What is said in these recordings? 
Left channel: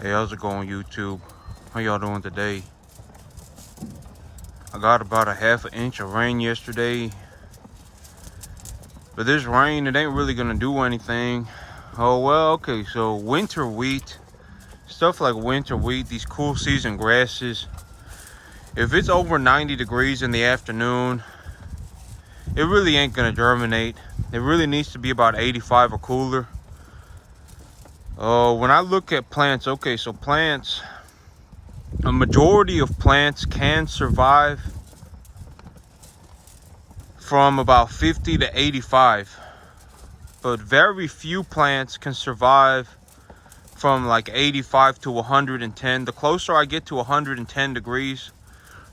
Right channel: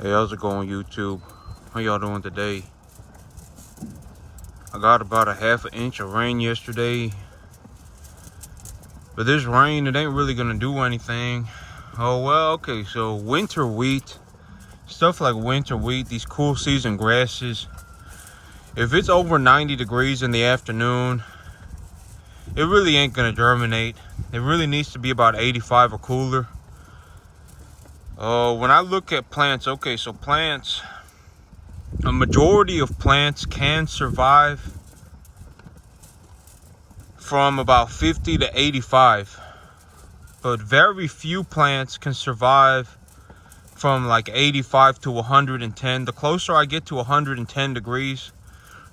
Hey, how's it going, YouTube? How y'all doing today? I got about a half an inch of rain yesterday, but this rain, it ain't really gonna do anything. Oh well, okay, so winter wheat, stuff like winter wheat, these cool season grasses, if it's over 90 degrees in the afternoon, it really ain't gonna germinate. It really needs to be about 85 or cooler. When I look at plants, okay, so plants, a majority of plants can survive from about 50 to 85, but very few plants can survive from like 85 to 110. The closer I get to 110 degrees,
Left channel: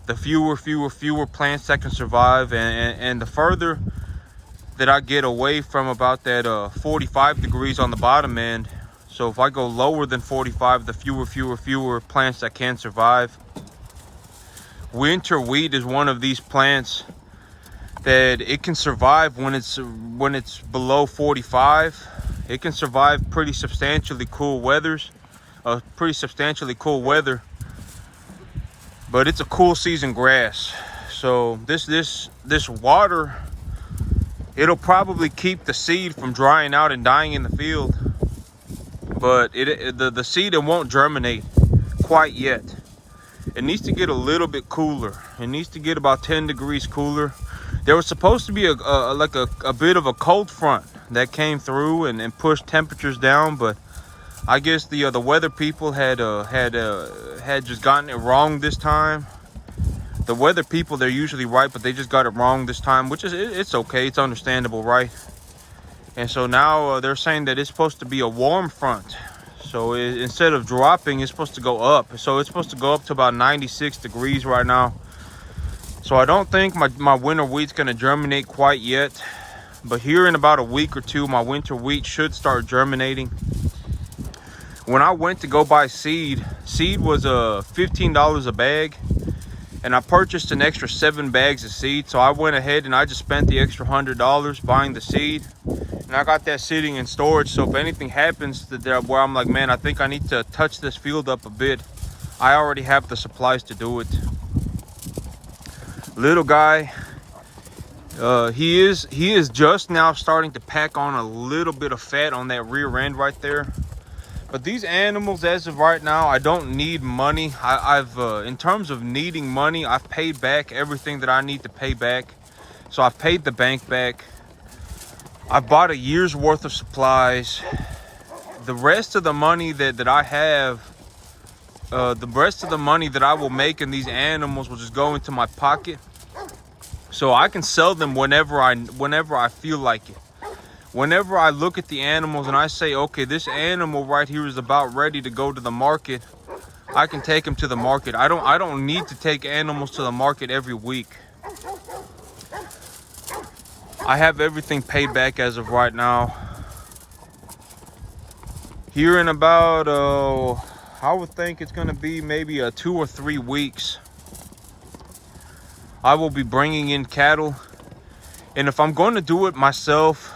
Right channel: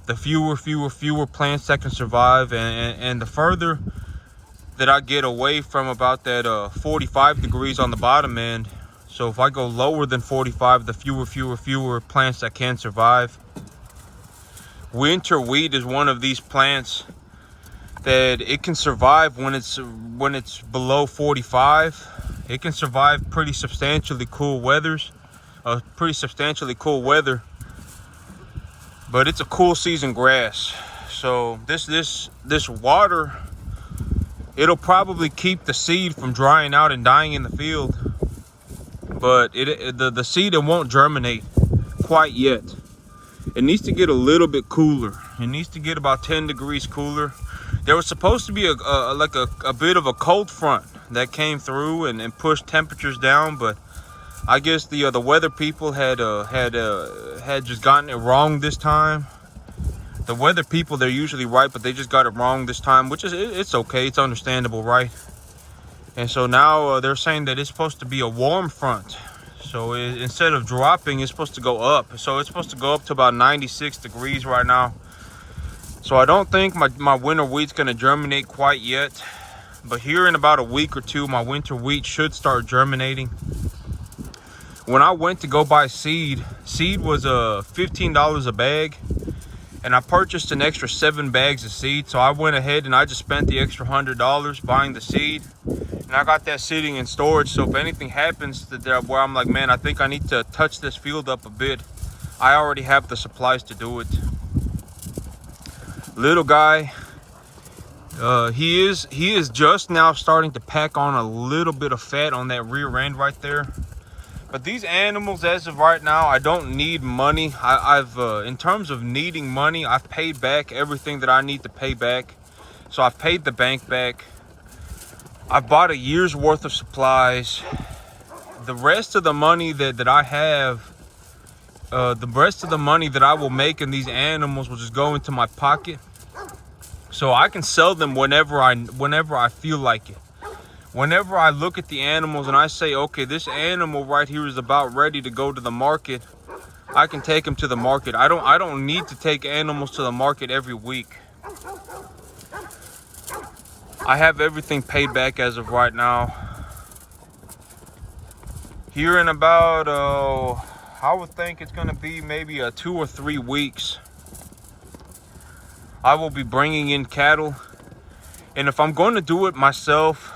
the fewer plants that can survive, and the further that I get away from about that 45 degrees on the bottom end. So if I go lower than 45, the fewer plants that can survive. Winter wheat is one of these plants that it can survive when it's below 45. It can survive pretty substantially cool weather. But it's a cool season grass. So this water, it'll probably keep the seed from drying out and dying in the field, but the seed, it won't germinate quite yet. It needs to get a little bit cooler. It needs to get about 10 degrees cooler. There was supposed to be a bit of a cold front that came through and pushed temperatures down, but I guess the weather people had just gotten it wrong this time. The weather people, they're usually right, but they just got it wrong this time, which is, it's okay, it's understandable, right? And so now they're saying that it's supposed to be a warm front. So instead of dropping, it's supposed to go up. So it's supposed to go up to about 96 degrees right now. So I don't think my winter wheat's gonna germinate quite yet. But here in about a week or two, my winter wheat should start germinating. When I went to go buy seed was $15 a bag. And I purchased an extra 7 bags of seed. So I went ahead and I just spent the extra $100 buying the seed. And I got that sitting in storage. So if anything happens where I'm like, man, I think I need to touch this field up a bit, I already have the supplies to do it. Little guy, he is just now starting to pack on a little bit of fat on that rear end right there. But these animals, as of right now, I don't need money. I've in terms of needing money, I've paid back everything that I need to pay back. So I've paid the bank back. I've bought a year's worth of supplies. The rest of the money that I have, the rest of the money that I will make in these animals will just go into my pocket. So I can sell them whenever I feel like it. Whenever I look at the animals and I say, okay, this animal right here is about ready to go to the market, I can take them to the market. I don't need to take animals to the market every week. I have everything paid back as of right now. Here in about, I would think it's gonna be maybe 2 or 3 weeks, I will be bringing in cattle. And if I'm going to do it myself,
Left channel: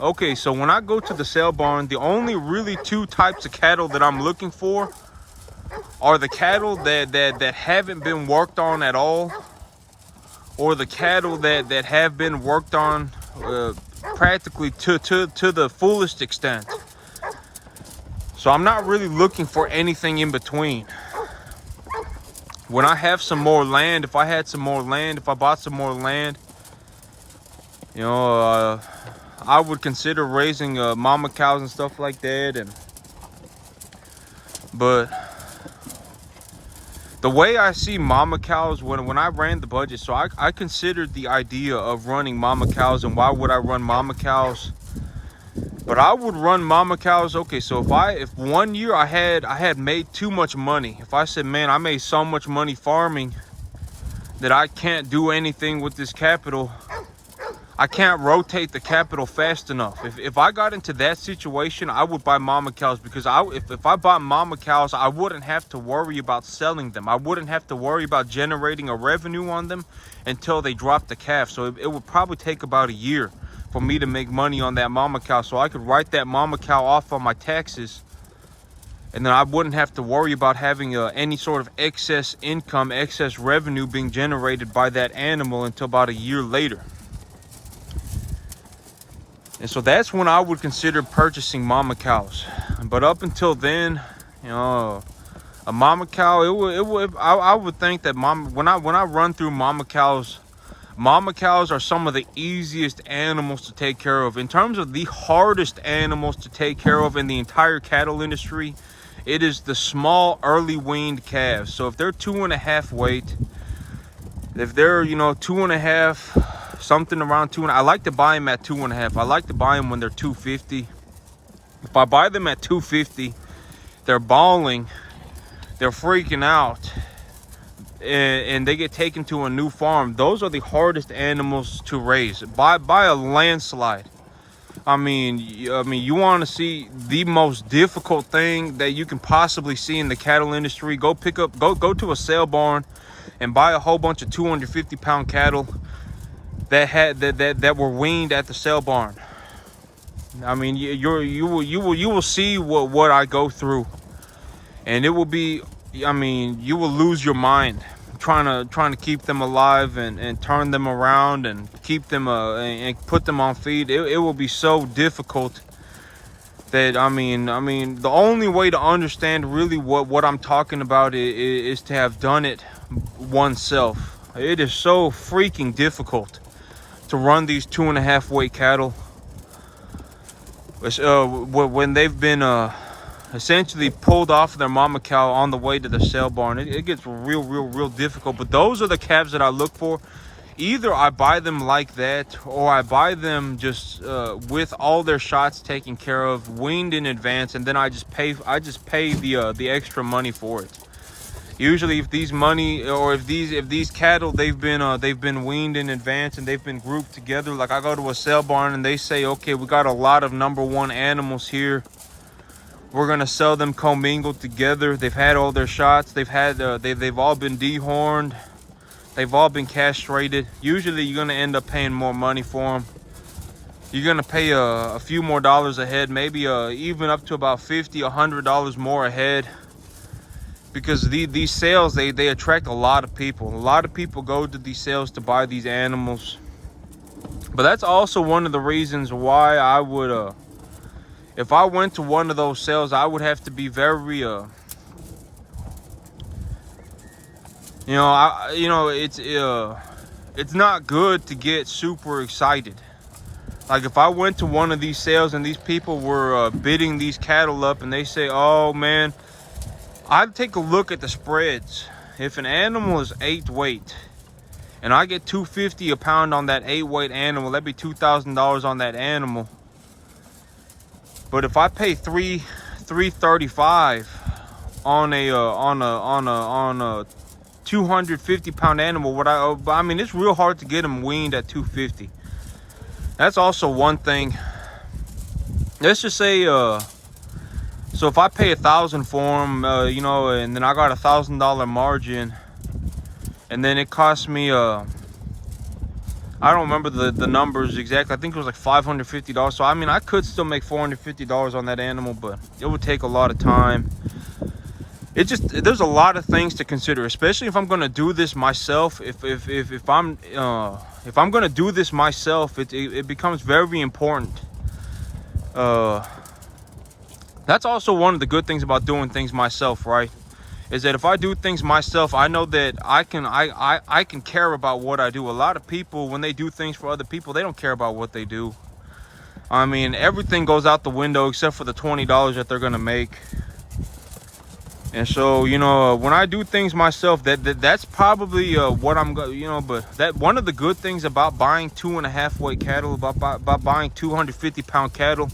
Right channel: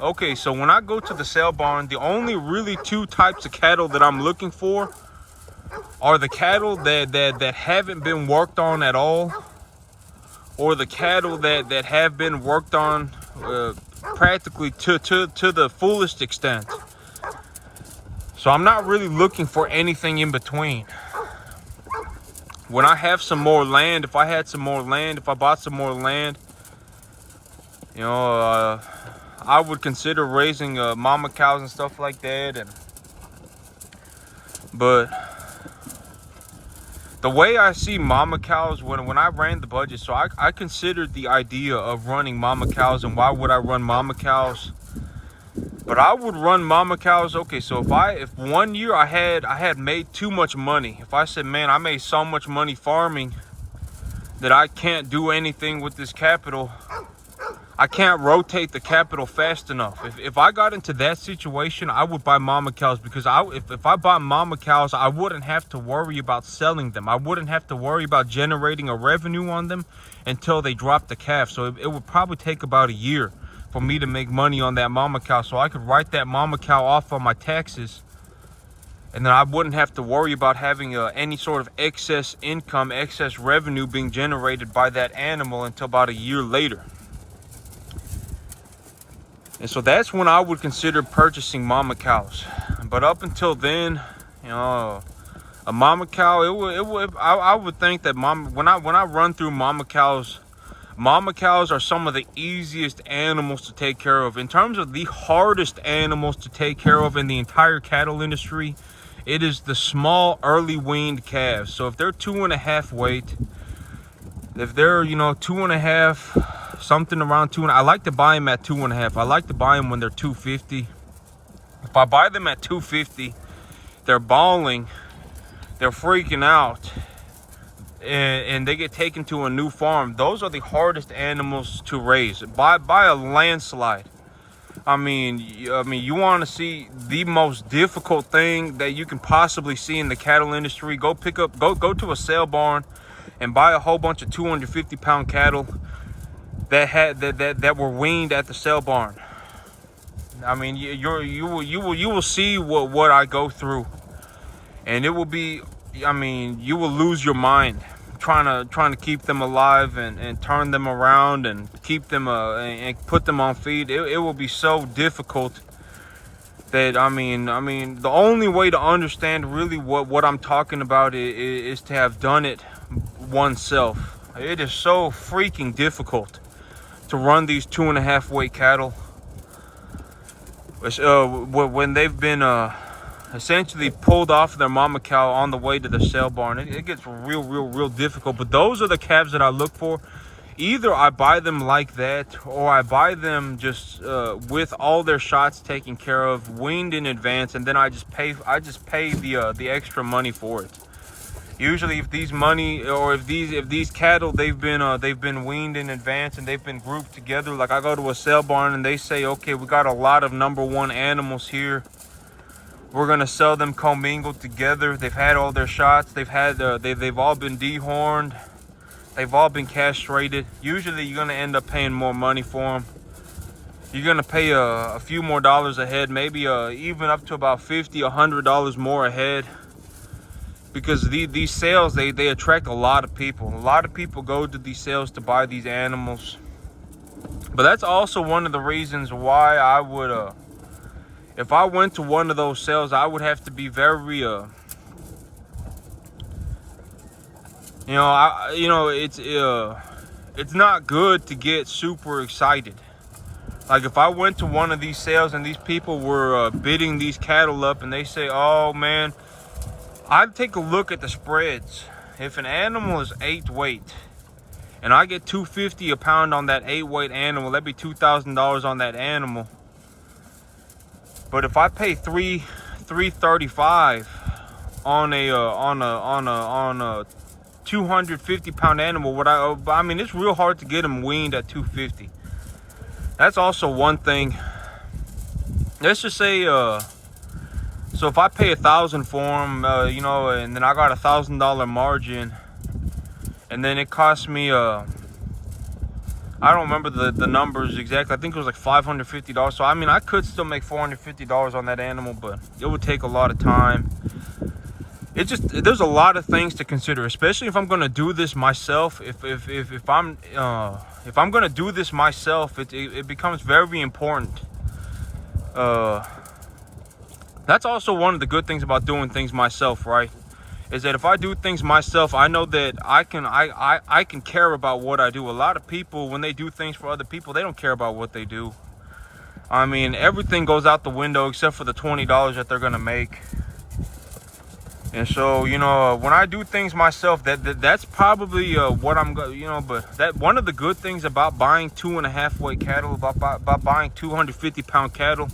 okay, so when I go to the sale barn, the only really 2 types of cattle that I'm looking for are the cattle that haven't been worked on at all, or the cattle that have been worked on practically to the fullest extent. So I'm not really looking for anything in between. When I have some more land, if I bought some more land, you know, I would consider raising mama cows and stuff like that. But the way I see mama cows, when I ran the budget, so I considered the idea of running mama cows. And why would I run mama cows? But I would run mama cows. Okay, so if 1 year I had made too much money, if I said, man, I made so much money farming that I can't do anything with this capital, I can't rotate the capital fast enough. If I got into that situation, I would buy mama cows, because if I bought mama cows, I wouldn't have to worry about selling them. I wouldn't have to worry about generating a revenue on them until they drop the calf. So it would probably take about a year for me to make money on that mama cow, so I could write that mama cow off on my taxes And then I wouldn't have to worry about having any sort of excess income, excess revenue being generated by that animal until about a year later. And so that's when I would consider purchasing mama cows. But up until then, you know, a mama cow, I would think that when I run through mama cows are some of the easiest animals to take care of. In terms of the hardest animals to take care of in the entire cattle industry, it is the small early weaned calves. So if they're 2.5 weight, if they're, you know, 2.5, something around 2, I like to buy them at 2.5. I like to buy them when they're 250. If I buy them at 250, they're bawling, they're freaking out, and they get taken to a new farm. Those are the hardest animals to raise by a landslide. I mean, you want to see the most difficult thing that you can possibly see in the cattle industry? Go to a sale barn and buy a whole bunch of 250-pound cattle that were weaned at the sale barn. I mean, you will see what I go through, and it will be, I mean, you will lose your mind trying to keep them alive and turn them around and keep them and put them on feed. It will be so difficult that I mean the only way to understand really what I'm talking about is to have done it oneself. It is so freaking difficult to run these 2.5 weight cattle when they've been essentially pulled off their mama cow on the way to the sale barn. It gets real difficult. But those are the calves that I look for. Either I buy them like that, or I buy them just with all their shots taken care of, weaned in advance, and then I just pay the extra money for it. Usually if these cattle they've been weaned in advance and they've been grouped together, like I go to a sale barn and they say, okay, we got a lot of #1 animals here, we're gonna sell them commingled together. They've had all their shots, they've all been dehorned, they've all been castrated. Usually you're gonna end up paying more money for them. You're gonna pay a few more dollars a head, maybe even up to about $50, $100 more a head, because these sales they attract a lot of people. A lot of people go to these sales to buy these animals. But that's also one of the reasons why I would if I went to one of those sales, I would have to be very it's not good to get super excited. Like if I went to one of these sales and these people were bidding these cattle up and they say, oh man, I'd take a look at the spreads. If an animal is 8 weight and I get $250 a pound on that 8 weight animal, that'd be $2,000 on that animal. But if I pay $335 on a 250-pound animal, I mean, it's real hard to get them weaned at 250. That's also one thing. Let's just say, so if I pay $1,000 for them, and then I got $1,000 margin, and then it cost me I don't remember the numbers exactly. I think it was like $550. So I mean, I could still make $450 on that animal, but it would take a lot of time. There's a lot of things to consider, especially if I'm gonna do this myself. If I'm gonna do this myself, it becomes very important. That's also one of the good things about doing things myself, right? Is that if I do things myself, I know that I can care about what I do. A lot of people, when they do things for other people, they don't care about what they do. I mean, everything goes out the window except for the $20 that they're gonna make. And so, when I do things myself, that's probably what I'm going, but that one of the good things about buying 2.5 weight cattle, about buying 250-pound cattle,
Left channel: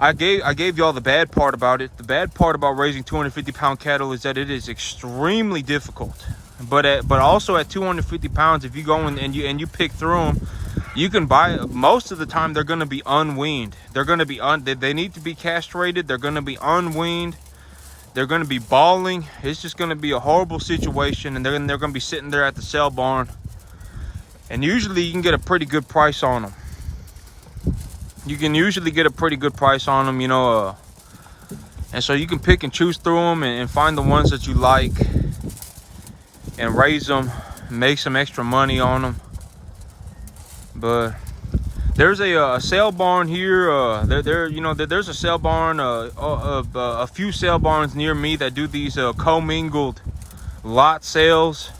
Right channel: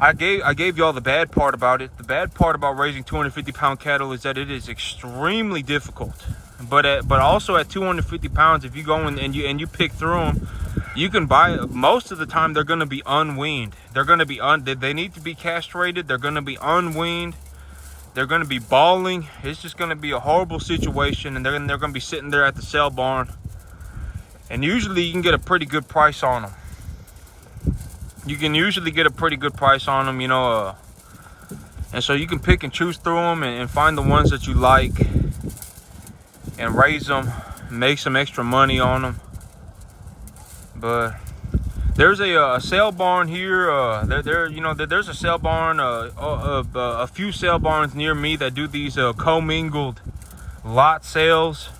I gave y'all the bad part about it. The bad part about raising 250-pound cattle is that it is extremely difficult. But also at 250 pounds, if you go and you pick through them, you can buy. Most of the time, they're going to be unweaned. They're going to be they need to be castrated. They're going to be unweaned. They're going to be bawling. It's just going to be a horrible situation, and they're going to be sitting there at the sale barn. And usually, you can get a pretty good price on them. You can usually get a pretty good price on them, And so you can pick and choose through them and find the ones that you like and raise them, make some extra money on them. But there's a sale barn here. There's a sale barn, a few sale barns near me that do these commingled lot sales.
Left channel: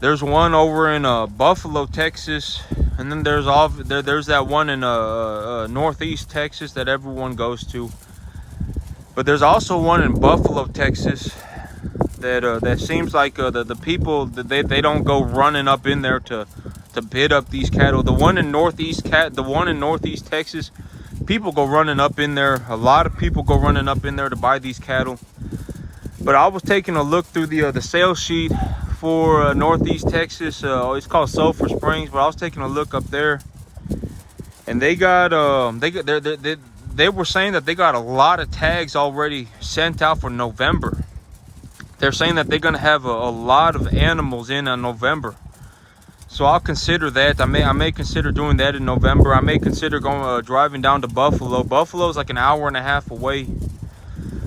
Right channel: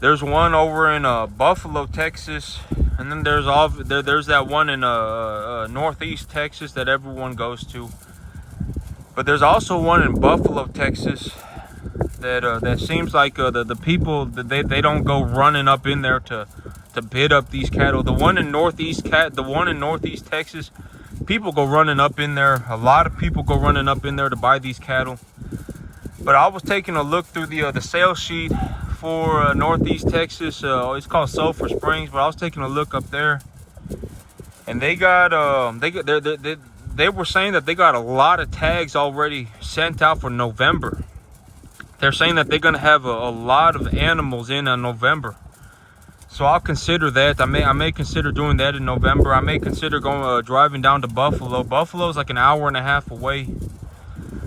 There's one over in Buffalo, Texas, and then there's that one in Northeast Texas that everyone goes to. But there's also one in Buffalo, Texas that seems like the people they don't go running up in there to bid up these cattle. The one in Northeast Texas, people go running up in there. A lot of people go running up in there to buy these cattle. But I was taking a look through the sales sheet for Northeast Texas. It's called Sulphur Springs, but I was taking a look up there, and they were saying that they got a lot of tags already sent out for November. They're saying that they're gonna have a lot of animals in November. So I'll consider that. I may consider doing that in November. I may consider going driving down to Buffalo. Buffalo is like an hour and a half away.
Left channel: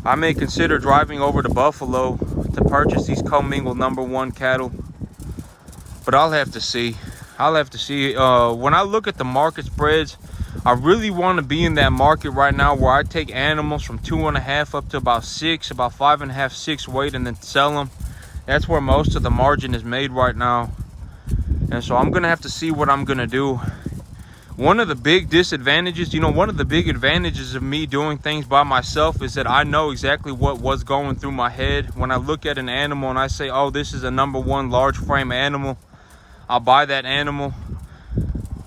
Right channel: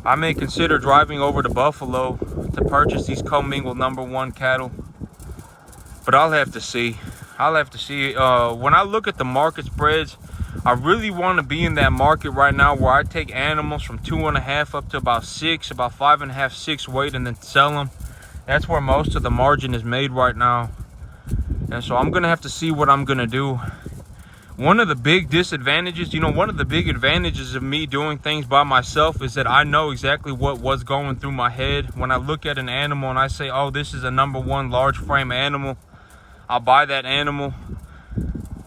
I may consider driving over to Buffalo to purchase these commingled #1 cattle. But I'll have to see. When I look at the market spreads, I really want to be in that market right now where I take animals from 2.5 up to about 6, about 5.5, 6 weight, and then sell them. That's where most of the margin is made right now. And so I'm gonna have to see what I'm gonna do. One of the big disadvantages, one of the big advantages of me doing things by myself is that I know exactly what's going through my head. When I look at an animal and I say, oh, this is a #1 large frame animal, I'll buy that animal.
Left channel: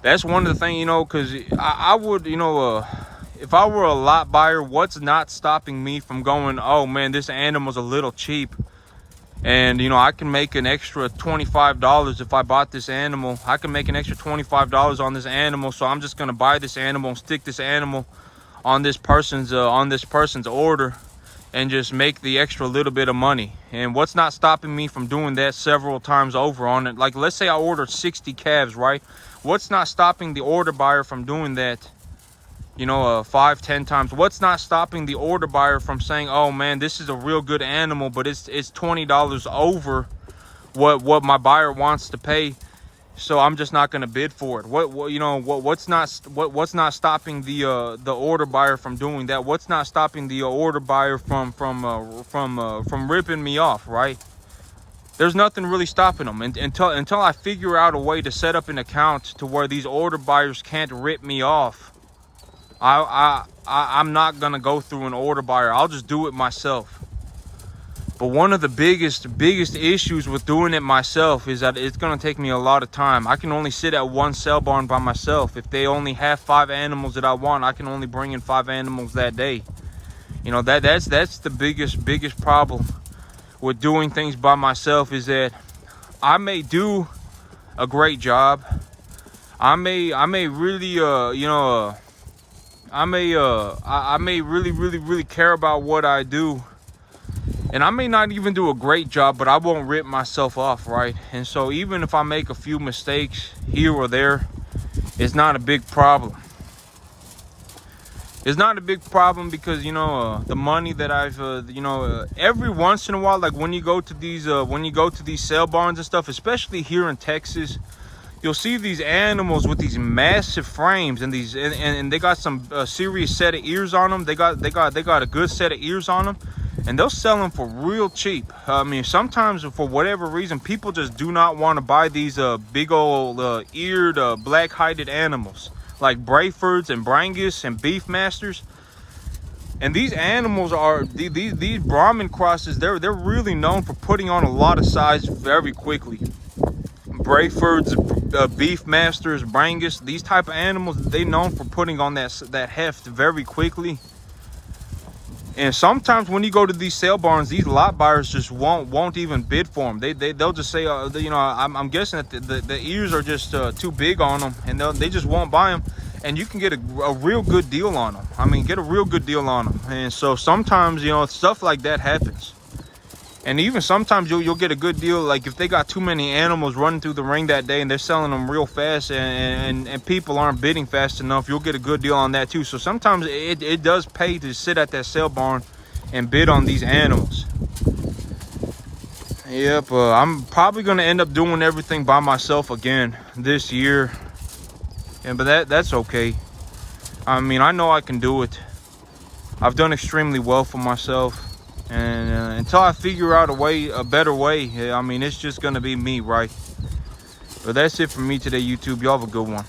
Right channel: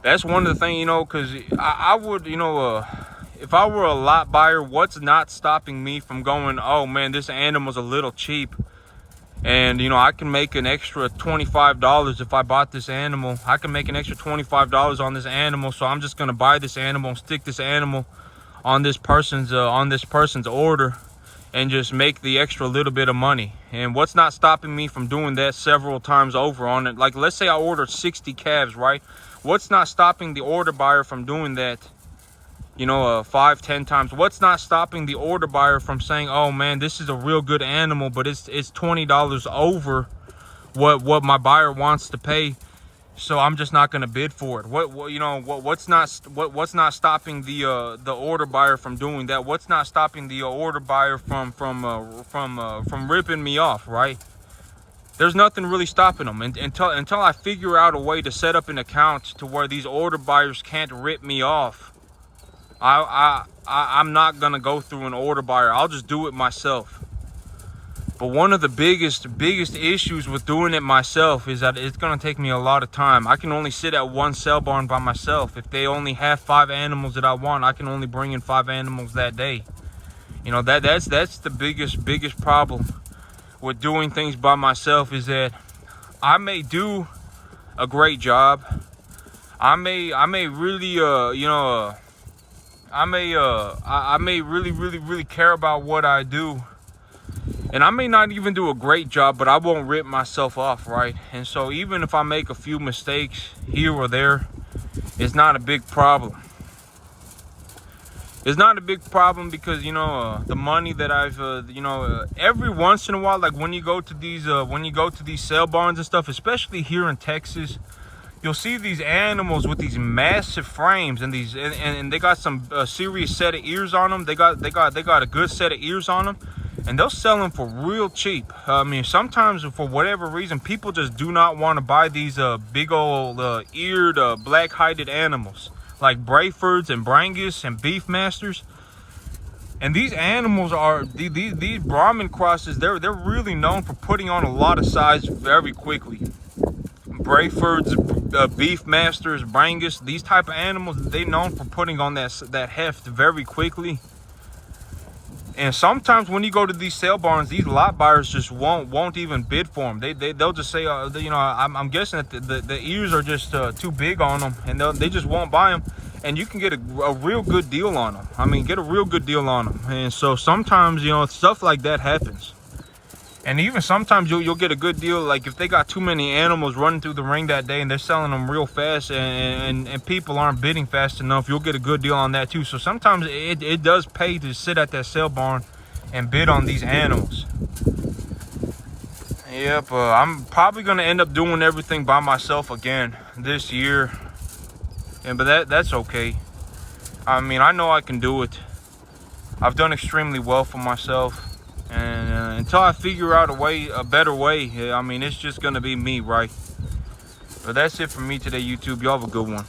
That's one of the things, because I would, if I were a lot buyer, what's not stopping me from going, oh man, this animal's a little cheap, and I can make an extra $25 if I bought this animal. I can make an extra $25 on this animal, so I'm just gonna buy this animal and stick this animal on this person's order and just make the extra little bit of money. And what's not stopping me from doing that several times over on it? Like, let's say I ordered 60 calves, right? What's not stopping the order buyer from doing that 5, 10 times? What's not stopping the order buyer from saying, oh man, this is a real good animal, but it's $20 over what my buyer wants to pay, so I'm just not going to bid for it? What's not stopping the order buyer from doing that? What's not stopping the order buyer from ripping me off, right? There's nothing really stopping them until I figure out a way to set up an account to where these order buyers can't rip me off. I'm not gonna go through an order buyer. I'll just do it myself. But one of the biggest issues with doing it myself is that it's gonna take me a lot of time. I can only sit at one sale barn by myself. If they only have 5 animals that I want, I can only bring in 5 animals that day. That's the biggest problem with doing things by myself, is that I may do a great job. I may really I may really care about what I do, and I may not even do a great job, but I won't rip myself off, right? And so even if I make a few mistakes here or there, it's not a big problem. It's not a big problem because the money that I've every once in a while, like when you go to these sale barns and stuff, especially here in Texas, you'll see these animals with these massive frames and they got some serious set of ears on them. They got a good set of ears on them, and they'll sell them for real cheap. I mean, sometimes for whatever reason, people just do not want to buy these big old eared black-hided animals like Brefords and Brangus and Beefmasters. And these animals are these Brahman crosses. They're really known for putting on a lot of size very quickly. Brefords, Beefmasters, Brangus, these type of animals, they known for putting on that heft very quickly. And sometimes when you go to these sale barns, these lot buyers just won't even bid for them. They'll just say, I'm guessing that the ears are just too big on them, and they just won't buy them. And you can get a real good deal on them. I mean, get a real good deal on them. And so sometimes, stuff like that happens. And even sometimes you'll get a good deal, like if they got too many animals running through the ring that day and they're selling them real fast and people aren't bidding fast enough, you'll get a good deal on that too. So sometimes it does pay to sit at that sale barn and bid on these animals. Yep, I'm probably gonna end up doing everything by myself again this year, but that's okay. I mean, I know I can do it. I've done extremely well for myself, and until I figure out a better way, I mean, it's just gonna be me, right? But that's it for me today, YouTube. Y'all have a good one.